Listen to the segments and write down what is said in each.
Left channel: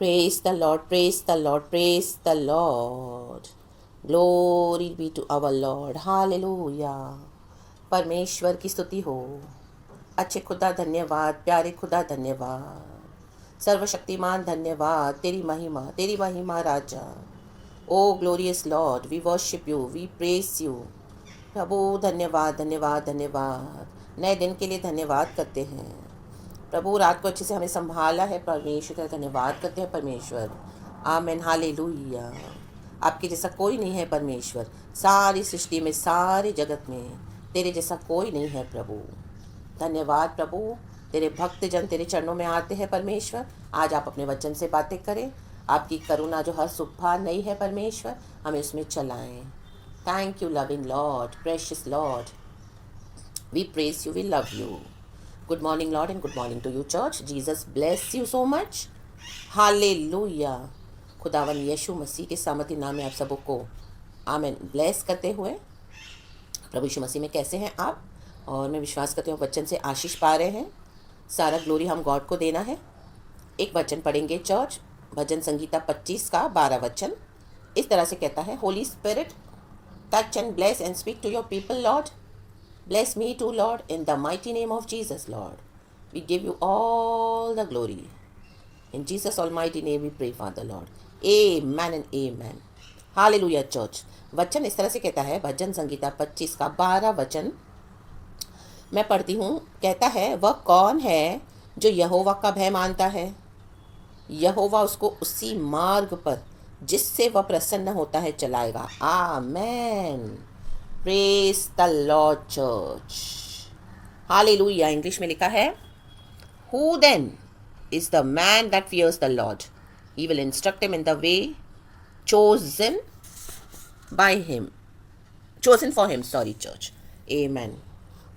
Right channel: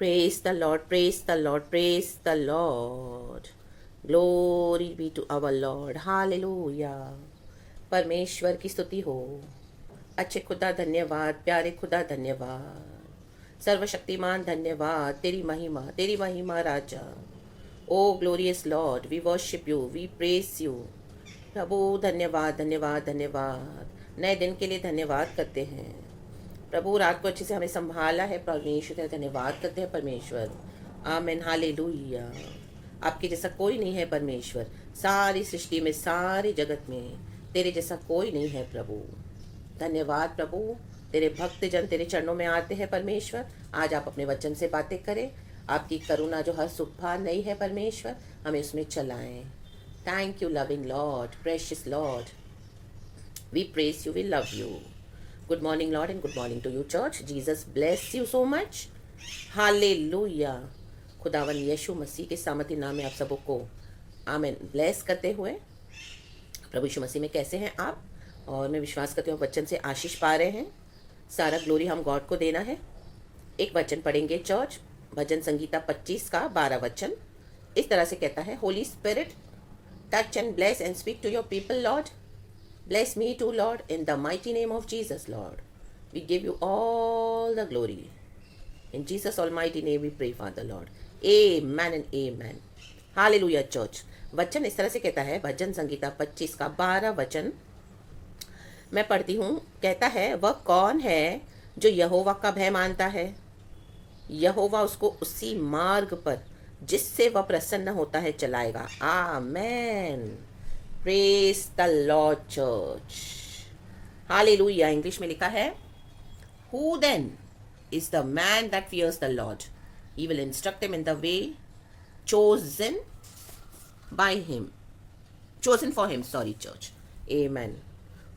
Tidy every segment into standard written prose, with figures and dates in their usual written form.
Praise the Lord, praise the Lord, praise the Lord. Glory be to our Lord. Hallelujah. परमेश्वर की स्तुति हो। अच्छे खुदा धन्यवाद, प्यारे खुदा धन्यवाद, सर्वशक्तिमान धन्यवाद, तेरी महिमा राजा। O glorious Lord, we worship you, we press you. प्रभु धन्यवाद धन्यवाद धन्यवाद, नए दिन के लिए धन्यवाद करते हैं प्रभु। रात को अच्छे से हमें संभाला है परमेश्वर, तेरा धन्यवाद करते हैं परमेश्वर। आमेन, हालेलुया। आपके जैसा कोई नहीं है परमेश्वर, सारी सृष्टि में, सारे जगत में तेरे जैसा कोई नहीं है प्रभु। धन्यवाद प्रभु। तेरे भक्त जन तेरे चरणों में आते हैं परमेश्वर। आज आप अपने वचन से बातें करें। आपकी करुणा जो हर सुबह नई है परमेश्वर, हमें उसमें चलाएं। Thank you loving Lord, precious Lord, we press you, we love you. Good morning Lord and good morning to you church. Jesus bless you so much. Hallelujah. खुदावन यीशु मसीह के सामर्थी नाम में आप सबको आमेन ब्लेस करते हुए, प्रभु यीशु मसीह में कैसे हैं आप? और मैं विश्वास करती हूँ वचन से आशीष पा रहे हैं। सारा ग्लोरी हम गॉड को देना है। एक वचन पढ़ेंगे चर्च, भजन संगीता 25 का 12 वचन इस तरह से कहता है, Holy Spirit touch and bless and speak to your people Lord, bless me to Lord in the mighty name of Jesus Lord, we give you all the glory in Jesus almighty name we pray for the Lord, amen and amen. Hallelujah church. वचन इस तरह से कहता है, भजन संगीता 25 का 12 वचन मैं पढ़ती हूँ। कहता है, वह कौन है जो यहोवा का भय मानता है? यहोवा उसको उसी मार्ग पर जिससे वह प्रसन्न होता है चलाएगा। Amen. Praise the Lord church. Hallelujah. English में लिखा है, who then is the man that fears the Lord, he will instruct him in the way chosen by him, chosen for him, sorry church. Amen.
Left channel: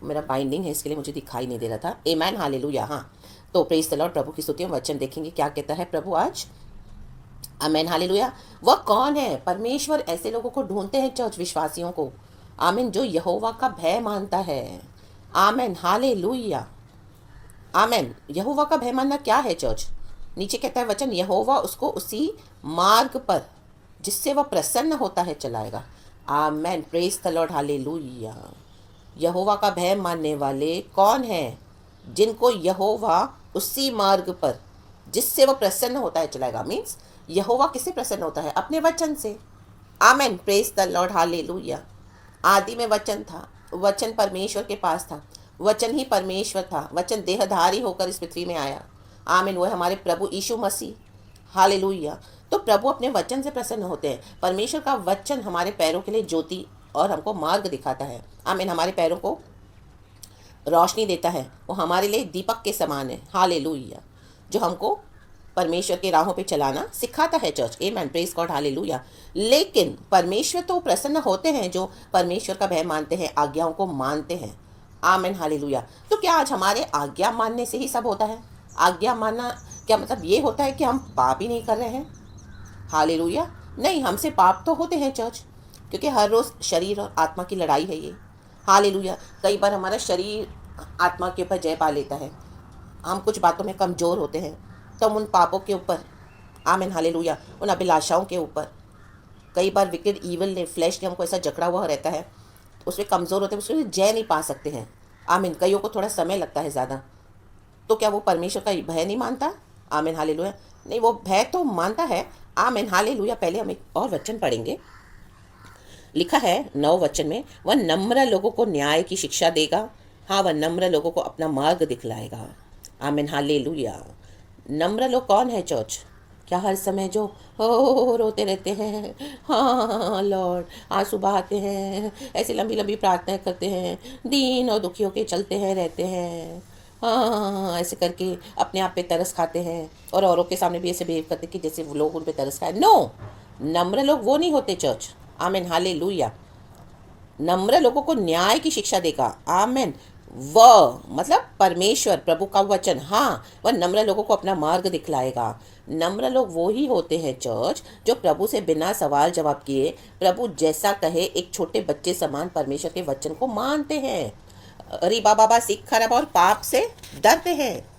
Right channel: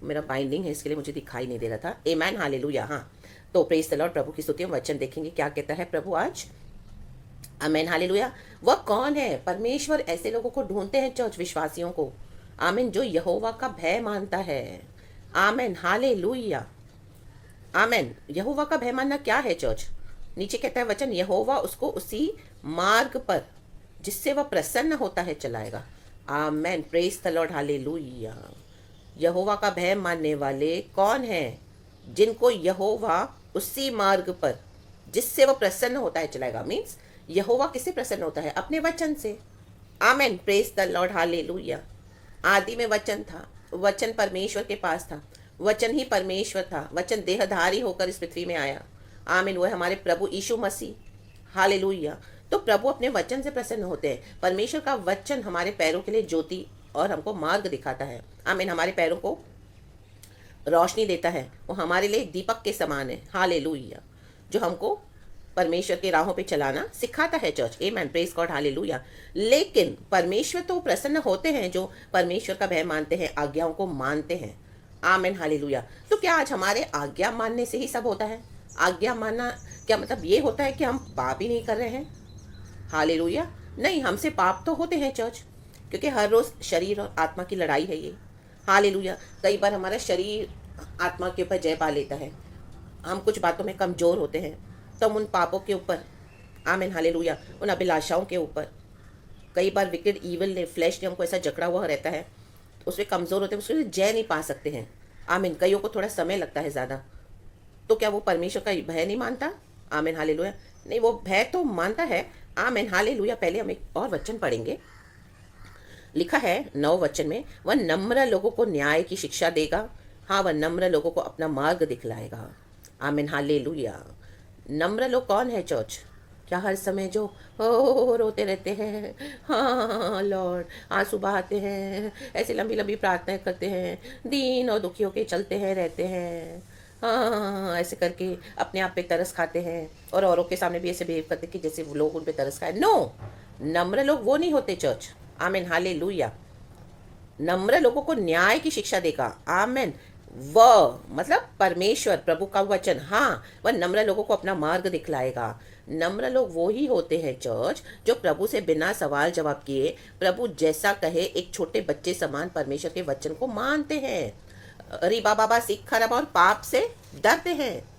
मेरा binding है इसके लिए मुझे दिखाई नहीं दे रहा था। आमेन, हालेलुया। हाँ, तो प्रेज द लॉर्ड। प्रभु की स्तुति में वचन देखेंगे क्या कहता है प्रभु आज। आमेन, हालेलुया। वह कौन है? परमेश्वर ऐसे लोगों को ढूंढते हैं चर्च, विश्वासियों को, आमीन, जो यहोवा का भय मानता है। आमेन, हालेलुया। आमेन। यहोवा का भय मानना क्या है चर्च? नीचे कहता है वचन, यहोवा उसको उसी मार्ग पर जिससे वह प्रसन्न होता है चलाएगा। Amen, praise the Lord, hallelujah. यहोवा का भय मानने वाले कौन है? जिनको यहोवा उसी मार्ग पर जिससे वह प्रसन्न होता है चलाएगा। मीन्स यहोवा किससे प्रसन्न होता है? अपने वचन से। आमेन, प्रेज द लॉर्ड, हालेलुया। आदि में वचन था, वचन परमेश्वर के पास था, वचन ही परमेश्वर था, वचन देहधारी होकर इस पृथ्वी में आया। आमीन, वो है हमारे प्रभु यीशु मसीह। हालेलुया। तो प्रभु अपने वचन से प्रसन्न होते हैं। परमेश्वर का वचन हमारे पैरों के लिए ज्योति और हमको मार्ग दिखाता है। आमीन, हमारे पैरों को रोशनी देता है। वो हमारे लिए दीपक के समान है। हालेलुया, जो हमको परमेश्वर के राहों पे चलाना सिखाता है चर्च। आमेन, प्रेज गॉड, हालेलुया। लेकिन परमेश्वर तो प्रसन्न होते हैं जो परमेश्वर का भय मानते हैं, आज्ञाओं को मानते हैं। आमेन, हालेलुया। तो क्या आज हमारे आज्ञा मानने से ही सब होता है? आज्ञा मानना क्या मतलब ये होता है कि हम पाप ही नहीं कर रहे हैं? हालेलुया। नहीं, हमसे पाप तो होते हैं चर्च, क्योंकि हर रोज शरीर और आत्मा की लड़ाई है ये। हालेलुया। कई बार हमारा शरीर आत्मा के ऊपर जय पा लेता है, हम कुछ बातों में कमजोर होते हैं, तो हम उन पापों के ऊपर, आमीन, हालेलुया, उन अभिलाषाओं के ऊपर, कई बार विकेड ईविल ने, फ्लैश ने हमको ऐसा जकड़ा हुआ रहता है, उसमें कमज़ोर होते हैं, उसमें जय नहीं पा सकते हैं। आमीन। कईयों को थोड़ा समय लगता है ज़्यादा। तो क्या वो परमेश्वर का भय नहीं मानता? आमीन, हालेलुया। नहीं, वो भय तो मानता है। आमीन, हालेलुया। पहले हम एक और वचन पढ़ेंगे। लिखा है 9 वचन में, वह नम्र लोगों को न्याय की शिक्षा देगा। हाँ, वह नम्र लोगों को अपना मार्ग दिखलाएगा। आमीन, हालेलुया। नम्र लोग कौन है चर्च? क्या हर समय जो हो रोते रहते हैं, हाँ लॉर्ड, आंसू बहाते हैं, ऐसी लंबी लंबी प्रार्थनाएं करते हैं, दीन और दुखियों के चलते हैं रहते हैं, हाँ ऐसे करके अपने आप पे तरस खाते हैं और औरों के सामने भी ऐसे बिहेव करते कि जैसे वो लोग उन पे तरस खाए। नो, नम्र लोग वो नहीं होते चर्च। आमीन, हालेलुया। नम्र लोगों को न्याय की शिक्षा देगा। आमीन। वह मतलब परमेश्वर, प्रभु का वचन, हाँ, वह नम्र लोगों को अपना मार्ग दिखलाएगा। नम्र लोग वो ही होते हैं चर्च जो प्रभु से बिना सवाल जवाब किए, प्रभु जैसा कहे एक छोटे बच्चे समान परमेश्वर के वचन को मानते हैं। रिबा बाबा सीख खराब और पाप से डरते हैं।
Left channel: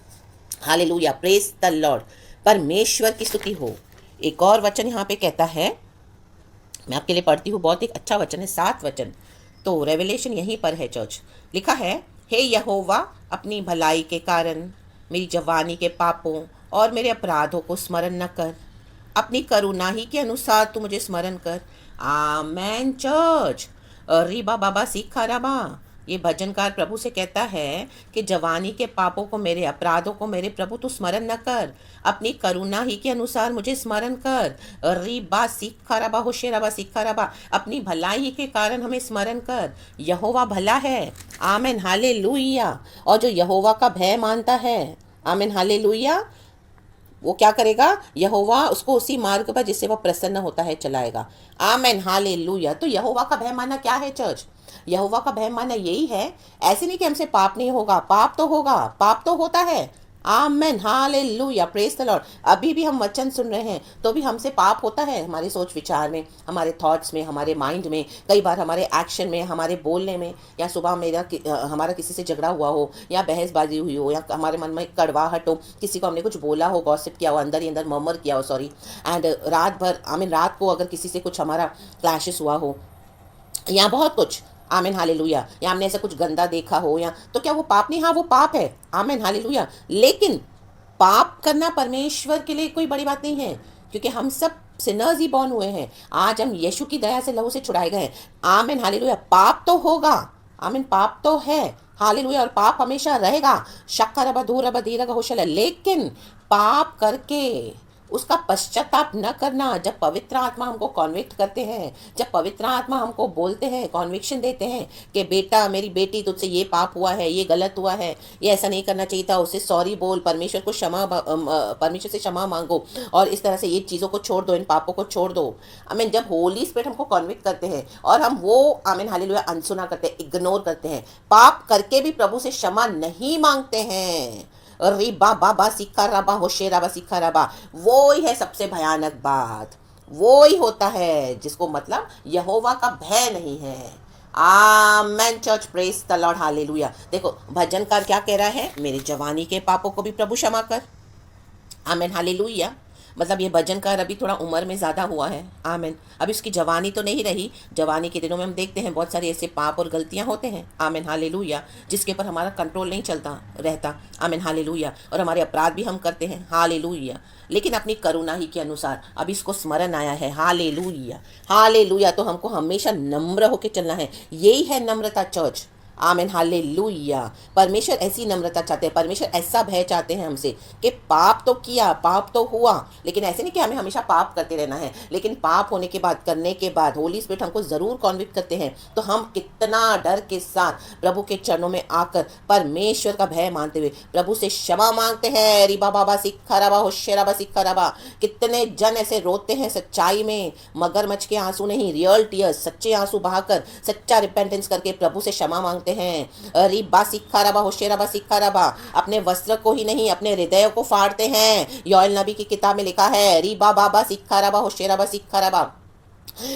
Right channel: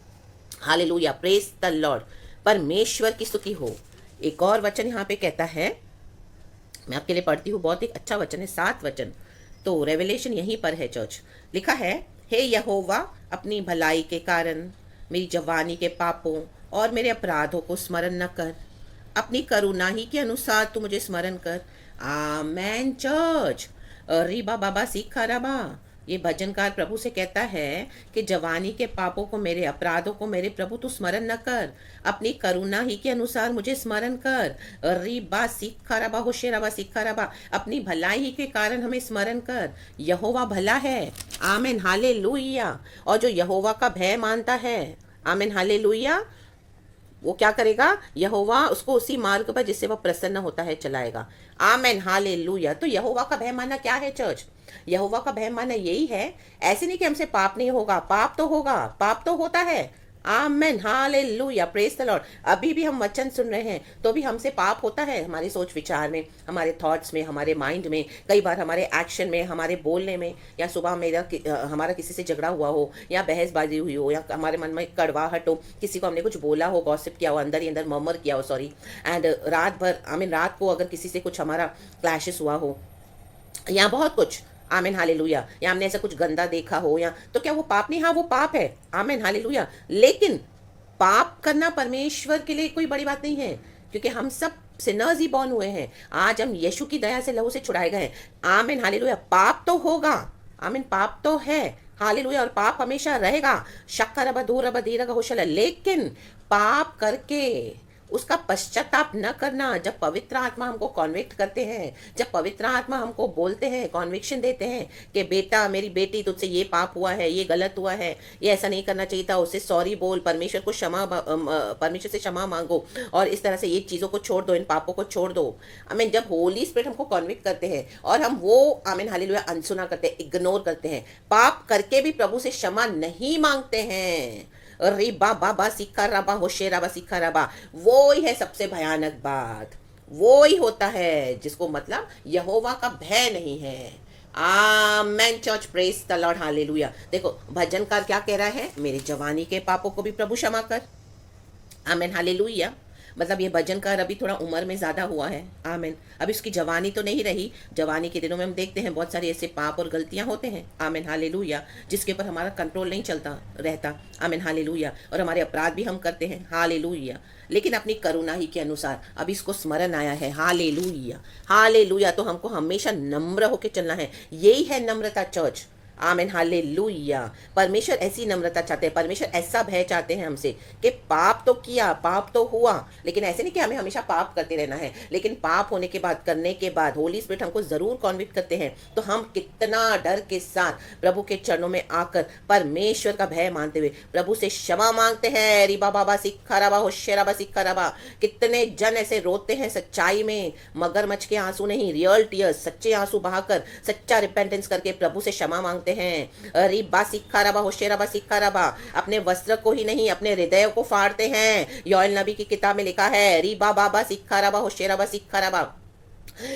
Hallelujah, praise the Lord. परमेश्वर की स्तुति हो। एक और वचन यहाँ पे कहता है, मैं आपके लिए पढ़ती हूँ, बहुत एक अच्छा वचन है, 7 वचन। तो रेवलेशन यहीं पर है चर्च। लिखा है, हे यहोवा, अपनी भलाई के कारण मेरी जवानी के पापों और मेरे अपराधों को स्मरण न कर, अपनी करुणा ही के अनुसार तू मुझे स्मरण कर। आमेन चर्च। रीबा बाबा सीखा राबा। ये भजनकार प्रभु से कहता है कि जवानी के पापों को, मेरे अपराधों को मेरे प्रभु तू स्मरण न कर, अपनी करुणा ही के अनुसार मुझे स्मरण कर। रीबा सीखा रबा होशेराबा सीखा रबा, अपनी भलाई ही के कारण हमें स्मरण कर। यहोवा भला है। Amen hallelujah. और जो यहोवा का भय मानता है, आमेन हालेलुया, वो क्या करेगा? यहोवा उसको उसी मार्ग पर जिससे वह प्रसन्न होता है चलाएगा। Amen hallelujah. तो यहोवा का भय मानना क्या है चर्च? यहोवा का भय मानना यही है, ऐसे नहीं कि हमसे पाप नहीं होगा, पाप तो होगा, पाप तो होता है। Amen hallelujah, praise the Lord. अभी भी हम वचन सुन रहे हैं तो भी हमसे पाप होता है, हमारे सोच विचार में, हमारे थॉट्स में, हमारे माइंड में, कई बार हमारे एक्शन में, हमारे बोलने में, या सुबह हमारा किसी से झगड़ा हुआ हो, या बहसबाजी हुई हो, या हमारे मन में कड़वाहट हो, किसी को हमने कुछ बोला हो, गॉसिप किया हो, अंदर ही अंदर मर्मर किया हो, सॉरी, एंड रात भर, रात को अगर किसी से कुछ हमारा क्लैशेस हुआ हो, या बहुत कुछ, आमेन हालेलुया, या हमने ऐसा कुछ गंदा देखा हो, या तो क्या वो पाप नहीं? हाँ वो पाप है, आमेन हालेलुया। लेकिन पाप करना परमेश्वर के लिए कोई बड़ी बात नहीं है, क्योंकि हम सब सिनर्स ही बॉर्न हुए हैं। आज हम यीशु की दया से लहू से छुड़ाए गए हैं। Amen hallelujah. पाप तो होगा, आमीन, पाप तो है, हालेलुया, और पाप हमेशा रहेगा। शक्कर रबा दूर रबा धीरा का होशल, लेकिन पाप करके उसका पश्चाताप न करना। जब पवित्र आत्मा हमको कॉन्विक्ट करते हैं, जब पवित्र आत्मा हमको बोलते हैं, कॉन्विक्शन देते हैं कि बेटा, मेरी बेटी, तुझसे ये पाप हुआ है, ये गलत हुआ है, ये ऐसा नहीं करना चाहिए था, उससे सॉरी बोल, परमेश्वर को परमेश्वर से क्षमा मांगो, और इस तरह से ये चीज़ों को छोड़ दो, इन पापों को छोड़ दो। आमीन। जब होली स्पिरिट हमको कॉन्विक्ट करते हैं और हम वो, आमीन हालेलुया, अनसुना करते हैं, इग्नोर करते हैं, पाप करके भी प्रभु से क्षमा नहीं मांगते हैं, रिबा बाबा सिक्का रबा होशे रबा सिक्का रबा, वो ही है सबसे भयानक बात। वो ही होता है जिसको मतलब यहोवा का भय नहीं है। Amen church, praise the Lord, hallelujah. देखो भजनकार क्या कह रहा है, मेरी जवानी के पापों को भी प्रभु क्षमा कर। Amen hallelujah. मतलब ये भजनकार अभी थोड़ा उम्र में ज़्यादा हुआ है, आमेन, अभी उसकी जवानी तो नहीं रही। जवानी के दिनों में हम देखते हैं बहुत सारे ऐसे पाप और गलतियां होते हैं, आमेन हालेलुया, जिसके ऊपर हमारा कंट्रोल नहीं चलता रहता, आमेन हालेलुया, और हमारे अपराध भी हम करते हैं, हालेलुया, लेकिन अपनी करुणा ही के अनुसार अभी इसको स्मरण आया है, हालेलुया हालेलुया। तो हमको हमेशा नम्र होकर चलना है, यही है नम्रता चर्च, आमीन हालेलुया। परमेश्वर ऐसी नम्रता चाहते हैं, परमेश्वर ऐसा भय चाहते हैं हमसे कि पाप तो किया, पाप तो हुआ, लेकिन ऐसे नहीं कि हमें हमेशा पाप करते रहना है, लेकिन पाप होने के बाद, करने के बाद होली स्पिरिट हमको जरूर कॉन्विक्ट करते हैं, तो हम कितना डर के साथ प्रभु के चरणों में आकर परमेश्वर का भय मानते हुए प्रभु से क्षमा मांगते हैं। रिबा बाबा सिक्खा रबा होशे रबा सिक्खा रबा। कितने जन ऐसे रोते हैं सच्चाई में, मगरमच्छ के आंसू नहीं, रियल टीयर्स, सच्चे आंसू बहाकर, सच्चा रिपेंटेंस करके प्रभु से क्षमा मांगते हैं। रिबा सिक्खा रबा होशे रबा सिक्खा रबा। अपने वस्त्र को ही नहीं, अपने हृदय को फाड़ते हैं। योएल नबी की किताब में लिखा है, रिबा बाबा सिक्खा रबा होशे रबा सिक्खा रबा।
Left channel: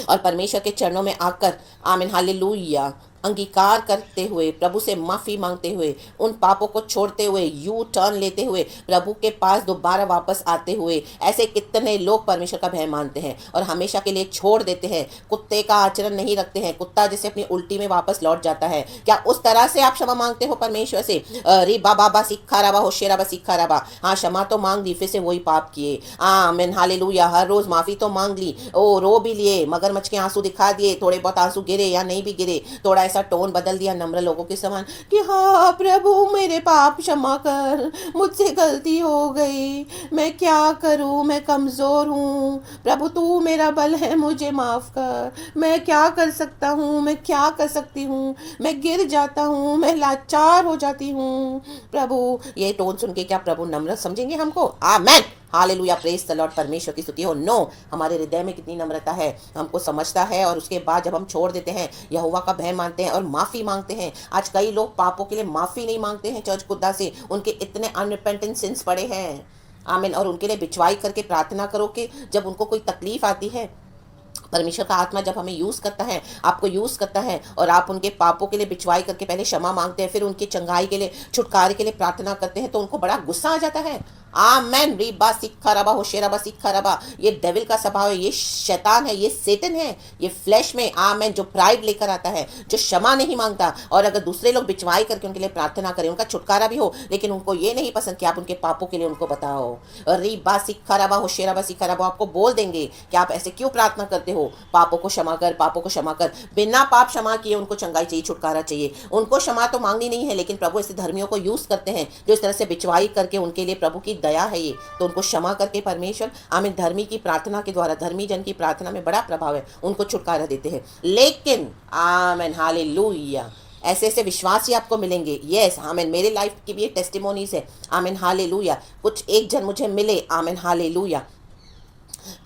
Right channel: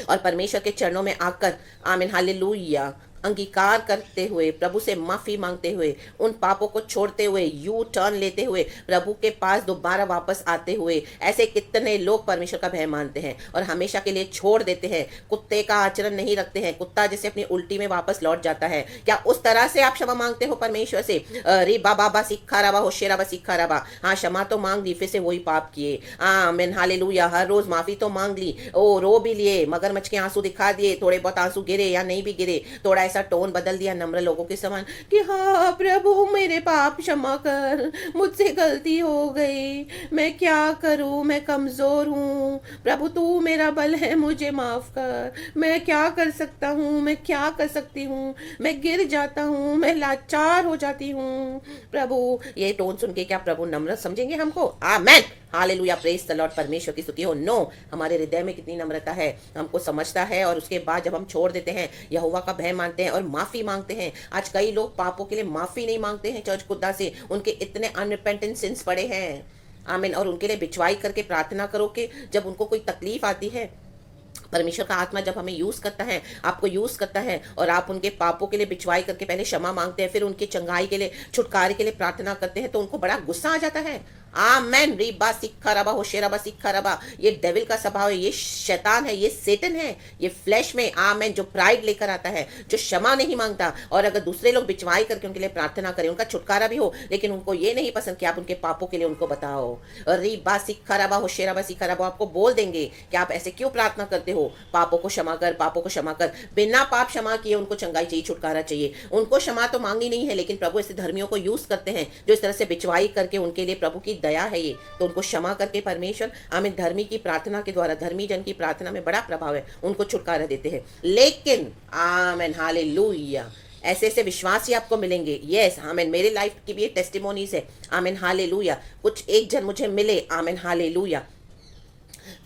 और परमेश्वर के चरणों में आकर, आमीन हालेलुया, अंगीकार करते हुए, प्रभु से माफी मांगते हुए, उन पापों को छोड़ते हुए, यू टर्न लेते हुए, प्रभु के पास दोबारा वापस आते हुए, ऐसे कितने लोग परमेश्वर का भय मानते हैं और हमेशा के लिए छोड़ देते हैं, कुत्ते का आचरण नहीं रखते हैं, कुत्ता जैसे अपनी उल्टी में वापस लौट जाता है। क्या उस तरह से आप क्षमा मांगते हो परमेश्वर से? रे बाबा सिक्खा रबा होशे रबा सिक्खा रबा। हाँ, क्षमा तो मांग ली, फिर से वही पाप किए, आमीन हालेलुया, हर रोज माफी तो मांग ली, ओ रो भी लिए, मगरमच्छ के आंसू दिखा दिए, थोड़े बहुत आंसू गिरे या नहीं भी गिरे, थोड़ा ऐसा टोन बदल दिया नम्र लोगों के समान कि हाँ प्रभु मेरे पाप क्षमा कर, मुझसे गलती हो गई, मैं क्या करूं, मैं कमजोर हूं, प्रभु तू मेरा बल है, मुझे माफ कर, मैं क्या कर सकता हूं, मैं क्या कर सकती हूं, मैं गिर जाता हूं, मैं लाचार हो जाती हूं प्रभु। ये टोन सुन के क्या प्रभु नम्र समझेंगे हमको? Amen hallelujah, praise the Lord, परमेश्वर की स्तुति हो। नो, हमारे हृदय में कितनी नम्रता है, हमको समझता है, और उसके बाद जब हम छोड़ देते हैं, यहोवा का भय मानते हैं और माफी मांगते हैं। आज कई लोग पापों के लिए माफी नहीं मांगते हैं चर्च खुदा से, उनके इतने अनरिपेंटेंट सिंस पड़े हैं, आमीन, और उनके लिए बिचवाई करके प्रार्थना करो कि जब उनको कोई तकलीफ आती है, परमेश्वर का आत्मा जब हमें यूज करता है, आपको यूज करता है, और आप उनके पापों के लिए बिचवाई करके पहले क्षमा मांगते हैं, फिर उनकी चंगाई के लिए, छुटकारे के लिए प्रार्थना करते हैं, तो उनको बड़ा गुस्सा आ जाता है। आमेन। रीबा सिक्खा रबा होशेराबा सिक्खा रबा, ये डेविल का स्वभाव है, ये शैतान है, ये सेटन है, ये फ्लैश में आमेन जो प्राइड लेकर आता है, जो क्षमा नहीं मांगता। और अगर दूसरे लोग बिचवाई करके उनके लिए प्रार्थना करें, उनका छुटकारा भी हो, लेकिन उनको ये नहीं पसंद कि आप उनके पापों के लिए उनको बताओ। रीबा सिक्खा रबा होशेराबा सिक्खा रबा, आपको बोल देंगे कि आप ऐसे क्यों प्रार्थना करते हो, पापों को क्षमा कर, पापों को क्षमा कर। बिना पाप क्षमा किए उनको चंगाई चाहिए, छुटकारा चाहिए। उनको क्षमा तो मांगनी नहीं है, लेकिन प्रभु ऐसे धर्मियों को यूज करते हैं जो इस तरह से बिचवाई करके, उनके लिए प्रभु की दया है ये, तो उनको क्षमा करके परमेश्वर आमीन धर्मी की प्रार्थना के द्वारा, धर्मी जन की प्रार्थना में बड़ा प्रभाव है, उनको छुटकारा देते हैं। लेकिन आमीन हालेलुया, ऐसे ऐसे विश्वासी आपको मिलेंगे। यस आमीन, मेरे लाइफ की भी ये टेस्टिमोनीज है। आमीन हालेलुया, कुछ एक जन मुझे मिले आमीन हालेलुया,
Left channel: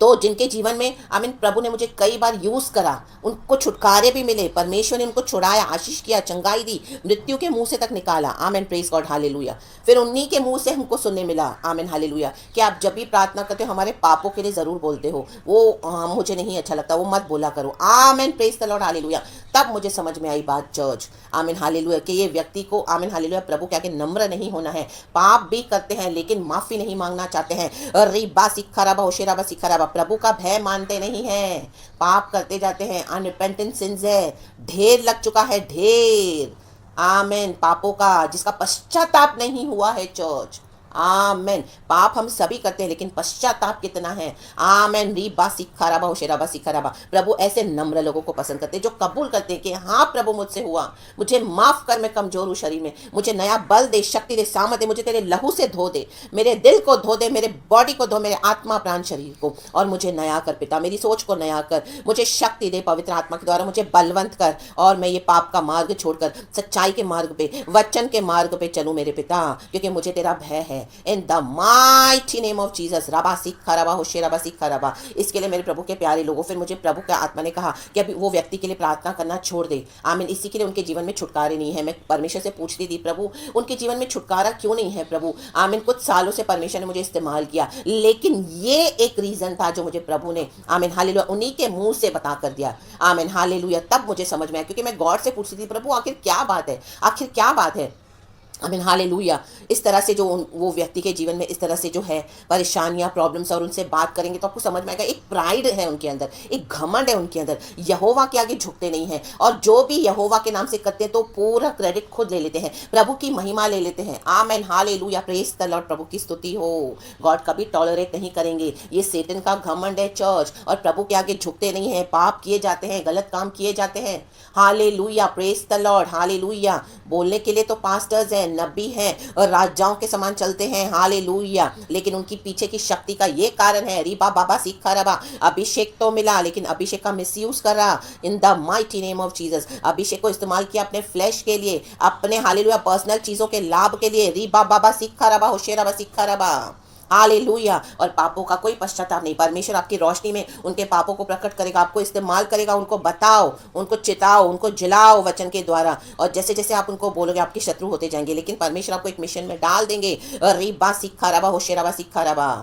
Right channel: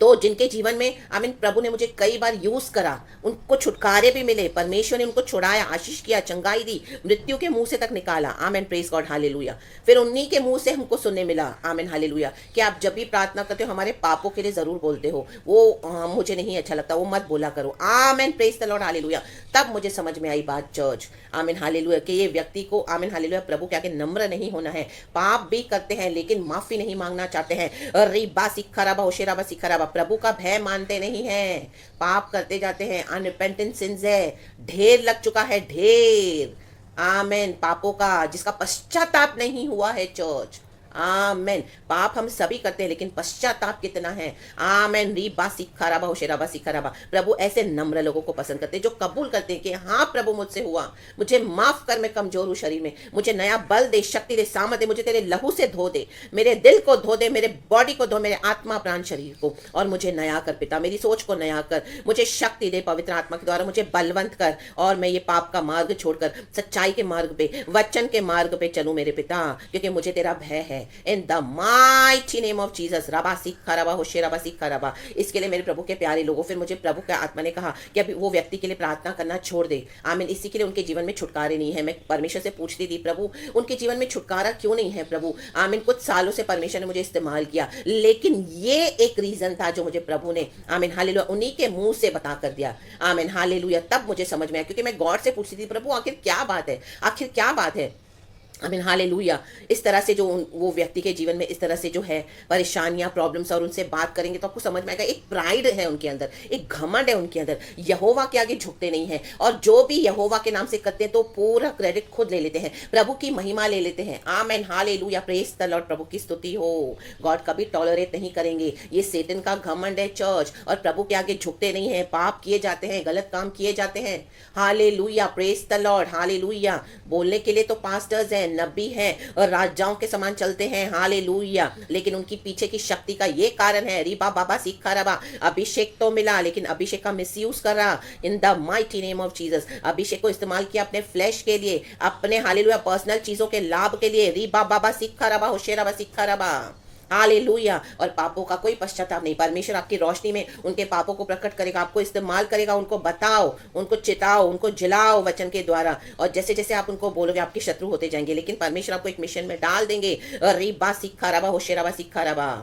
तो जिनके जीवन में आमीन प्रभु ने मुझे कई बार यूज करा, उनको छुटकारे भी मिले, परमेश्वर ने उनको छुड़ाया, आशीष किया, चंगाई दी, मृत्यु के मुंह से तक निकाला। आमीन, प्रेज गॉड हालेलुया। फिर उन्हीं के मुंह से हमको सुनने मिला आमीन हालेलुया कि आप जब भी प्रार्थना करते हो हमारे पापों के लिए जरूर बोलते हो, वो मुझे नहीं अच्छा लगता, वो मत बोला करो। आमीन, प्रेज द लॉर्ड हालेलुया। तब मुझे समझ में आई बात चर्च आमीन हालेलुया कि ये व्यक्ति को आमीन हालेलुया प्रभु के आगे नम्र नहीं होना है। पाप भी करते हैं लेकिन माफी नहीं मांगना चाहते हैं। रीबा सिक्खराबा होशेराबा सिक्खराबा, प्रभु का भय मानते नहीं है, पाप करते जाते हैं, अनरिपेंटेंट सिंस है, ढेर लग चुका है, ढेर आमेन पापों का, जिसका पश्चाताप नहीं हुआ है चर्च। आमेन, पाप हम सभी करते हैं लेकिन पश्चाताप कितना है। आमेन, रीबा सिक्खराबा होशेराबा सिक्खराबा, प्रभु ऐसे नम्र लोगों को पसंद करते हैं जो कबूल करते हैं कि हाँ प्रभु मुझसे हुआ, मुझे माफ कर, मैं कमजोर हूँ शरीर में, मुझे नया बल दे, शक्ति दे, सामर्थ दे, मुझे तेरे लहू से धो दे, मेरे दिल को धो दे, मेरे बॉडी को धो, मेरे आत्मा प्राण शरीर को, और मुझे नया कर पिता, मेरी सोच को नया कर, मुझे शक्ति दे पवित्र आत्मा के द्वारा, मुझे बलवंत कर, और मैं ये पाप का मार्ग छोड़कर सच्चाई के मार्ग पे, वचन के मार्ग पे चलूं मेरे पिता, क्योंकि मुझे तेरा भय है। इन the mighty name of Jesus, रबा सिक्खा रबा होशेराबा सिक्खा रबा। इसके लिए मेरे प्रभु के प्यारे लोगों, फिर मुझे प्रभु के आत्मा ने कहा कि अभी वो व्यक्ति के लिए प्रार्थना करना छोड़ दे। आमीन, इसी के लिए उनके जीवन में छुटकारे नहीं है। मैं परमेश्वर से पूछती थी, प्रभु उनके जीवन में छुटकारा क्यों नहीं है प्रभु। आमीन, कुछ सालों से परमेश्वर ने मुझे इस्तेमाल किया, लेकिन ये एक रीजन था जो मुझे प्रभु ने आमीन हालेलुया उन्हीं के मुंह से बता कर दिया। आमीन हालेलुया, तब मुझे समझ में आया, क्योंकि मैं गॉड से पूछती थी, प्रभु आखिर क्या बात है, आखिर क्या बात है। आमीन हालेलुया, इस तरह से जो वो व्यक्ति के जीवन में इस तरह से जो है परेशानियां, प्रॉब्लम्स, और उनसे बात करेंगे तो आपको समझ में आएगा एक प्राइड है उनके अंदर, एक घमंड है उनके अंदर, यहोवा के आगे झुकते नहीं हैं, और जो भी यहोवा के नाम से करते हैं तो पूरा क्रेडिट खुद ले लेते हैं, प्रभु की महिमा ले लेते हैं। आमीन हालेलुया, प्रेज द लॉर्ड, प्रभु की स्तुति हो। गॉड कभी टॉलरेट नहीं करेंगे, ये सेटन का घमंड है चर्च, और प्रभु के आगे झुकते नहीं है, पाप किए जाते हैं, गलत काम किए जाते हैं। Hallelujah, praise the Lord hallelujah. बोलने के लिए तो पास्टर्स हैं, नबी हैं, और राजाओं के समान चलते हैं, हालेलुया, लेकिन उनकी पीछे की शक्ति का ये कारण है, रीबा बाबा सिक्खा रबा, अभिषेक तो मिला लेकिन अभिषेक का मिसयूज कर रहा। In the mighty name of Jesus, अभिषेक को इस्तेमाल किया अपने फ्लैश के लिए, अपने हालेलुया पर्सनल चीजों के लाभ के लिए। रीबा बाबा सिक्खा रबा होशेराबा सिक्खा रबा, हालेलुया। और पापों का कोई पश्चाताप नहीं, परमेश्वर आपकी रोशनी में उनके पापों को प्रकट करेगा, आपको इस्तेमाल करेगा, उनको बताओ, उनको चिताओ, उनको जिलाओ वचन के द्वारा, और जैसे जैसे आप उनको बोलोगे आपके शत्रु होते जाएंगे, लेकिन परमेश्वर आपको एक मिशन में डाल देंगे। रीबा सिक्खा रबा होशेराबा सिक्खा रबा,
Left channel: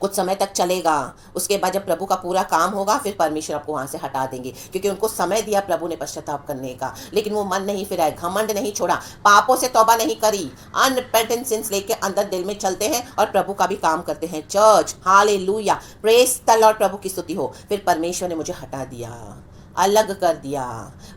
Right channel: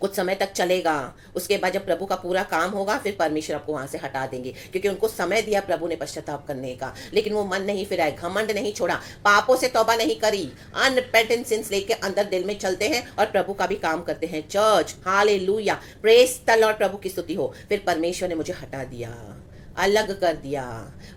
कुछ समय तक चलेगा, उसके बाद जब प्रभु का पूरा काम होगा फिर परमेश्वर आपको वहां से हटा देंगे, क्योंकि उनको समय दिया प्रभु ने पश्चाताप करने का, लेकिन वो मन नहीं फिराए, घमंड नहीं छोड़ा, पापों से तौबा नहीं करी, अनरिपेंटेंट सिंस लेके अंदर दिल में चलते हैं और प्रभु का भी काम करते हैं church. Hallelujah, praise the Lord, प्रभु की स्तुति हो। फिर परमेश्वर ने मुझे हटा दिया, अलग कर दिया।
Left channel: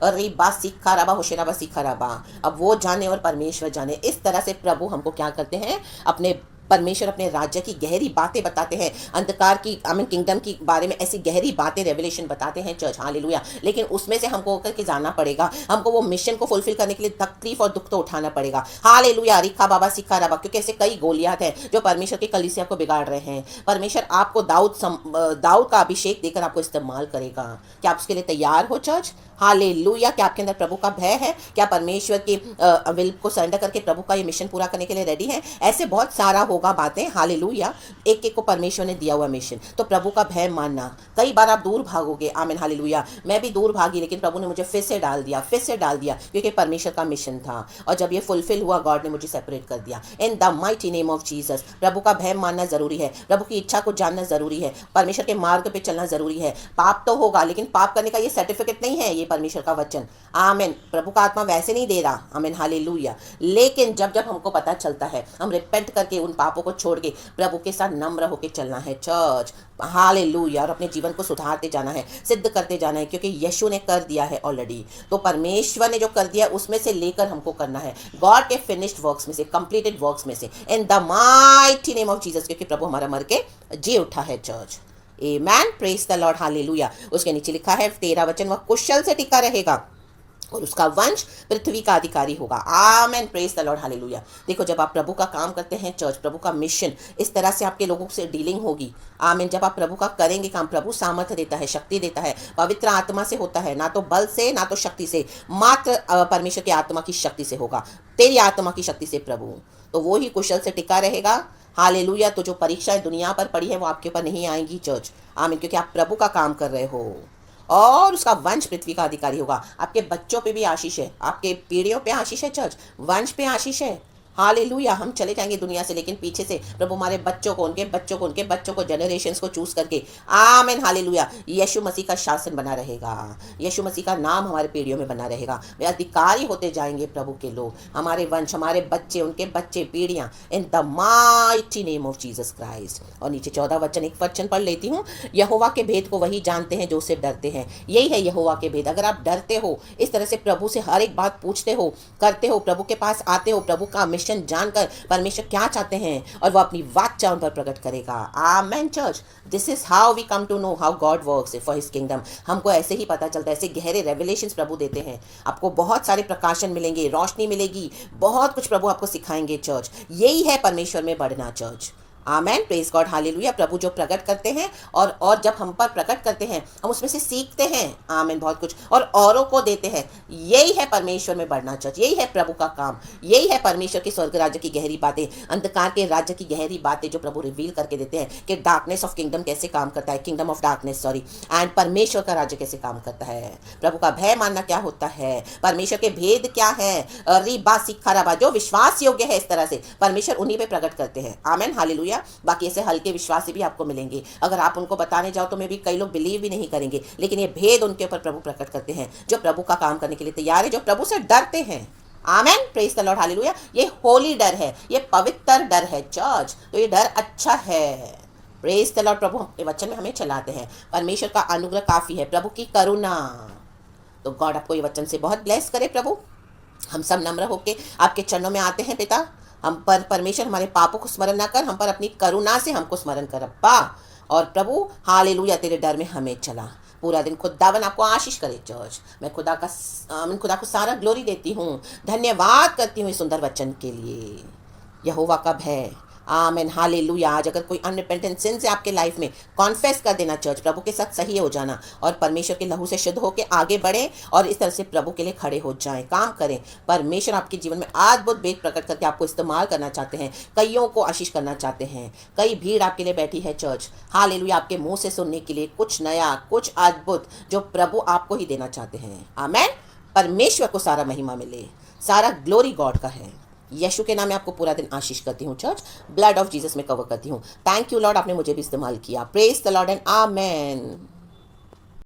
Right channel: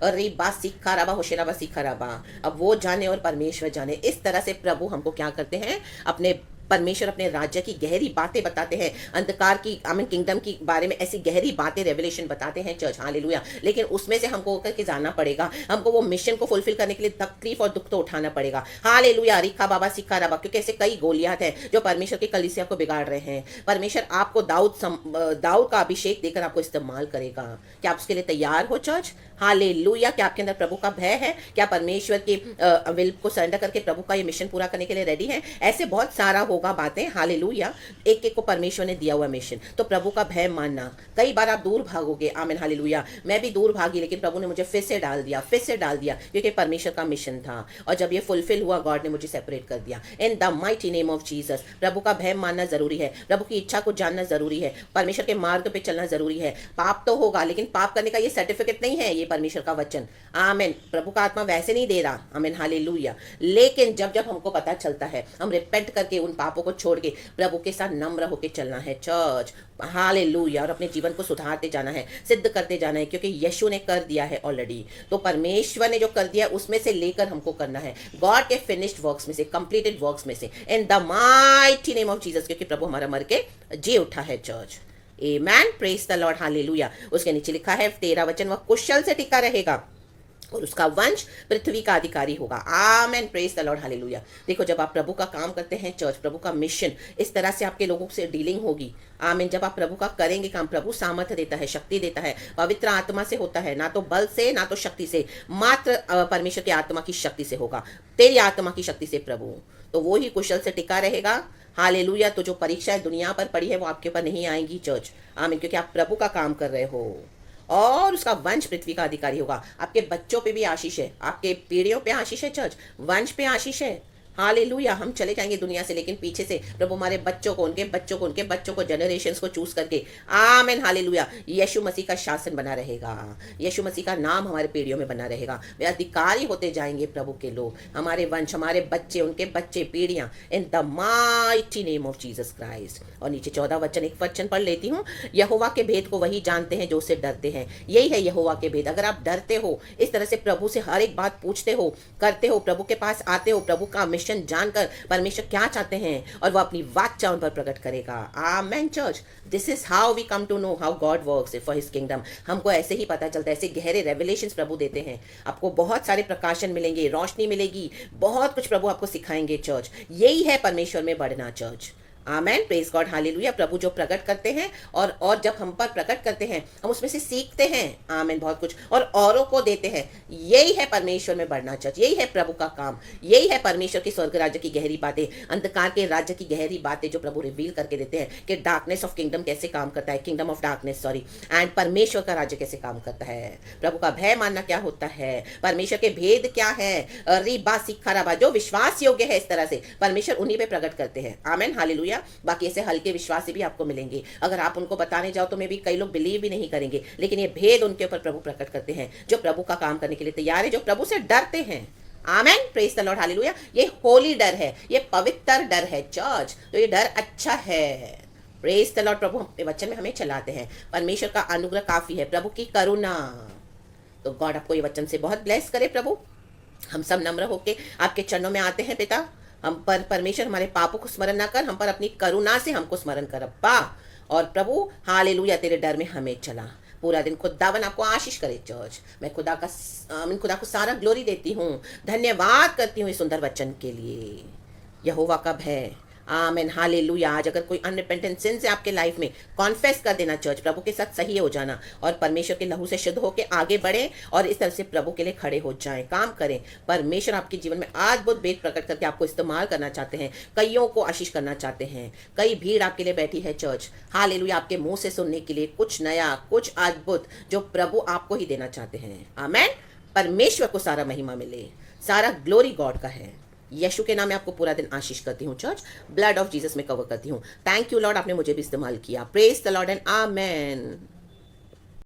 रीबा सिक्खा रबा होशेराबा सिक्खा रबा, अब वो जाने और परमेश्वर जाने। इस तरह से प्रभु हमको क्या करते हैं, अपने परमेश्वर अपने राज्य की गहरी बातें बताते हैं, अंधकार की आमीन किंगडम की बारे में ऐसी गहरी बातें रेवलेशन बताते हैं चर्च। हालेलुया, लेकिन उसमें से हमको होकर के जाना पड़ेगा, हमको वो मिशन को फुलफिल करने के लिए तकलीफ और दुख तो उठाना पड़ेगा। हालेलुया, रिखा बाबा सिक्खा रबा, क्योंकि ऐसे कई गोलियात हैं जो परमेश्वर की कलीसिया को बिगाड़ रहे हैं। परमेश्वर आपको दाऊद का अभिषेक देकर आपको इस्तेमाल करेगा। क्या आप उसके लिए तैयार हो चर्च? हालेलुया, क्या आपके अंदर प्रभु का भय है? क्या परमेश्वर की विल को सरेंडर करके प्रभु का ये मिशन पूरा करने के लिए रेडी है? ऐसे बहुत सारा होगा बातें। हालेलुया, एक एक को परमेश्वर ने दिया हुआ मिशन, तो प्रभु का भय मानना। कई बार आप दूर भागोगे, आमीन हालेलुया, मैं भी दूर भागी, लेकिन प्रभु ने मुझे फिर से डाल दिया, क्योंकि परमेश्वर का मिशन था, और जब ये फुलफिल हुआ गॉड ने मुझे सेपरेट कर दिया। In the mighty name of Jesus, प्रभु का भय मानना जरूरी है, प्रभु की इच्छा को जानना जरूरी है, परमेश्वर के मार्ग पे चलना जरूरी है। पाप तो होगा, लेकिन पाप करने का ये सर्टिफिकेट नहीं है, ये परमेश्वर का वचन। आमेन। प्रभु का आत्मा वैसे नहीं दे रहा, आमेन, हालेलुया। लेकिन जब जब हमको पता चलता है, हम रिपेंट करके उन पापों को छोड़ के प्रभु के साथ नम्र होके चलना है चर्च, हालेलुया, और अपने जीवन को सुधारते जाना है, सिद्ध करते जाना है, क्योंकि यीशु ने कर दिया है ऑलरेडी। तो परमेश्वर ने जो कर दिया उसमें से लेकर हमको करना है, गॉड के फिनिश्ड वर्क्स में से, कंप्लीटेड वर्क्स में से, इन the mighty name of Jesus, क्योंकि प्रभु हमारा मर के जी उठा है church. Amen, praise the Lord, hallelujah. उसके नीचे लिखा है 13 वचन, वह कुशल से टिका रहेगा और उसका वंश पृथ्वी का अधिकारी होगा। आमेन, प्रेज द लॉर्ड, हालेलुया। देखो, जब आप प्रभु का काम करते हैं चर्च, प्रभु का मिशन, इस तरह से आपके लोगों से डीलिंग होगी। आमीन। जब आप प्रभु का करेंगे काम, प्रभु सामर्थ्य देता है, शक्ति देता है, पवित्र आत्मा से होता है, ना तो बल से ना तो शक्ति से, मात्र परमेश्वर की आत्मा की शक्ति से होगा, तेरी आत्मा की शक्ति से प्रभु। तो वो ही कुशल से टिका रहेगा, हालेलुया। तो जो परीक्षाएं दुनिया पर पड़ी है वो आपके पर नहीं आएंगी चर्च, आमीन, क्योंकि आप प्रभु का काम कर रहे हो और उसका वंश पृथ्वी का अधिकारी होगा। आपके बच्चों पे भी आशीष है, आपके पीढ़ियों पे आशीष है चर्च, वंश पे आशीष है, हालेलुया। हम चले जाएंगे दुनिया से, लेकिन पीछे से प्रभु हमारे बच्चों को, उनके बच्चों को, उनके बच्चों को, जनरेशंस को चूज करके, आमीन, हालेलुया, यीशु मसीह का शासन बना रहेगा, यीशु मसीह का नाम हमारे पीढ़ियों में बना रहेगा। वे अधिकारी होते जाएंगे प्रभु के लोग, हमारे वंश, हमारे बच्चे, उनके बच्चे, पीढ़ियां, इन the mighty name of Jesus Christ. और नीचे 14 वचन, एक वचन पढ़ लेती हूँ। यहोवा के भेद को वही जानते हैं जो उससे डरते हैं। यही है यहोवा के भेद। अगर आप डरते हो, इस तरह से प्रभु से हर एक बात पूछते हो, करते हो, प्रभु के पास आते हो, प्रभु का मिशन जानकर परमेश्वर क्या चाहते हैं और वो अपनी वाचा उन पर प्रकट करेगा। Amen church, this is how we come to know how God works for his kingdom. हमको ऐसे ही पता चलता है, ऐसे गहरे रेवलेशंस प्रभु देते हैं। आपको बहुत सारे प्रकाशन मिलेंगे, रोशनी मिलेगी, बहुत कुछ प्रभु आपको सिखाएंगे चर्च। यही है परमेश्वर में बढ़ना चर्च। आमेन, प्रेज गॉड, हालेलुया। प्रभु जो प्रकट करते हैं और जब हम पर प्रकट करते हैं, हम उसमें से सीखते हैं, आमेन, बहुत कुछ, और औरों को देते हैं। यही है परमेश्वर में बढ़ना चर्च, यही है प्रभु का काम, यही है परमेश्वर के स्वर्ग राज्य की गहरी बातें, अंधकार के राज्य की गहरी बातें जो प्रभु रिवील करके देते हैं कि डार्कनेस ऑफ किंगडम कैसे काम करता है, kingdom of darkness, sorry, and परमेश्वर का राज्य कैसे काम करता है, प्रभु का भय मानना क्या होता है, परमेश्वर के भेद क्या है, रिबा सिखा रबा, जो विश्वास योग्य है, इस तरह से परमेश्वर उन्हीं पे प्रकट करते हैं। आमेन, हालेलुया। बाकी ऐसे हल्के विश्वास भी आपको मिलेंगे, अगर आप उनको बताने जाओ तो मे भी कई लोग बिलीव भी नहीं करेंगे, लेकिन ये भेद उनके ऊपर प्रभु प्रकट करते हैं जो प्रभु का काम करने के लिए तैयार है, जो प्रभु से डरते हैं। आमेन, प्रेज द लॉर्ड, हालेलुया। ये होली डर है, ये पवित्र डर है चर्च, तो ये डर अच्छा है। Praise the Lord. प्रभु अपने वचन में हमें चलाते हैं, परमेश्वर का अनुग्रह काफी है, प्रभु की करुणा। तो गॉड आपको ये वचन से बहुत ब्लेस करे प्रभु। हम सब नम्र होके आपके चरणों में आते हैं पिता। हम पर परमेश्वर हमारे पापों को स्मरण ना कर, हम पर अपनी करुणा से हमको स्मरण कर अब्बा। और प्रभु हालेलुया, तेरे डर में हमें चला पूरा दिन। खुदावन आपको आशीष करे चर्च। मैं खुदा को सारा ग्लोरी देती हूँ, धन्यवाद करती हूँ इस सुंदर वचन के लिए। यहोवा का भय, आमेन, हालेलुया। आज अगर कोई अनरिपेंटेंट सिन से आपके लाइफ में, कॉन्फेस कर देना चर्च, प्रभु के साथ सही हो जाना और परमेश्वर के लहू से शुद्ध होकर आगे बढ़े और इस तरह से प्रभु के लिए खड़े हो जाएं, काम करें। परमेश्वर आपके जीवन में अद्भुत भेद प्रकट करके आपको इस्तेमाल करना चाहते हैं, कईयों को आशीष करना चाहते हैं। कई भीड़ आपके लिए बैठी है चर्च, हालेलुया, आपके मुंह से सुनने के लिए कुछ नया, कुछ अद्भुत जो प्रभु आपको ही देना चाहते हैं। आमेन। परमेश्वर को सारा महिमा मिले, सारा ग्लोरी गॉड का है। यीशु के नाम में आपको पूरा दिन आशीष करती हूँ चर्च, ब्लड ऑफ जीसस में कवर करती हूँ। थैंक यू लॉर्ड, आपने मुझे भी इस्तेमाल किया। Praise the Lord and amen.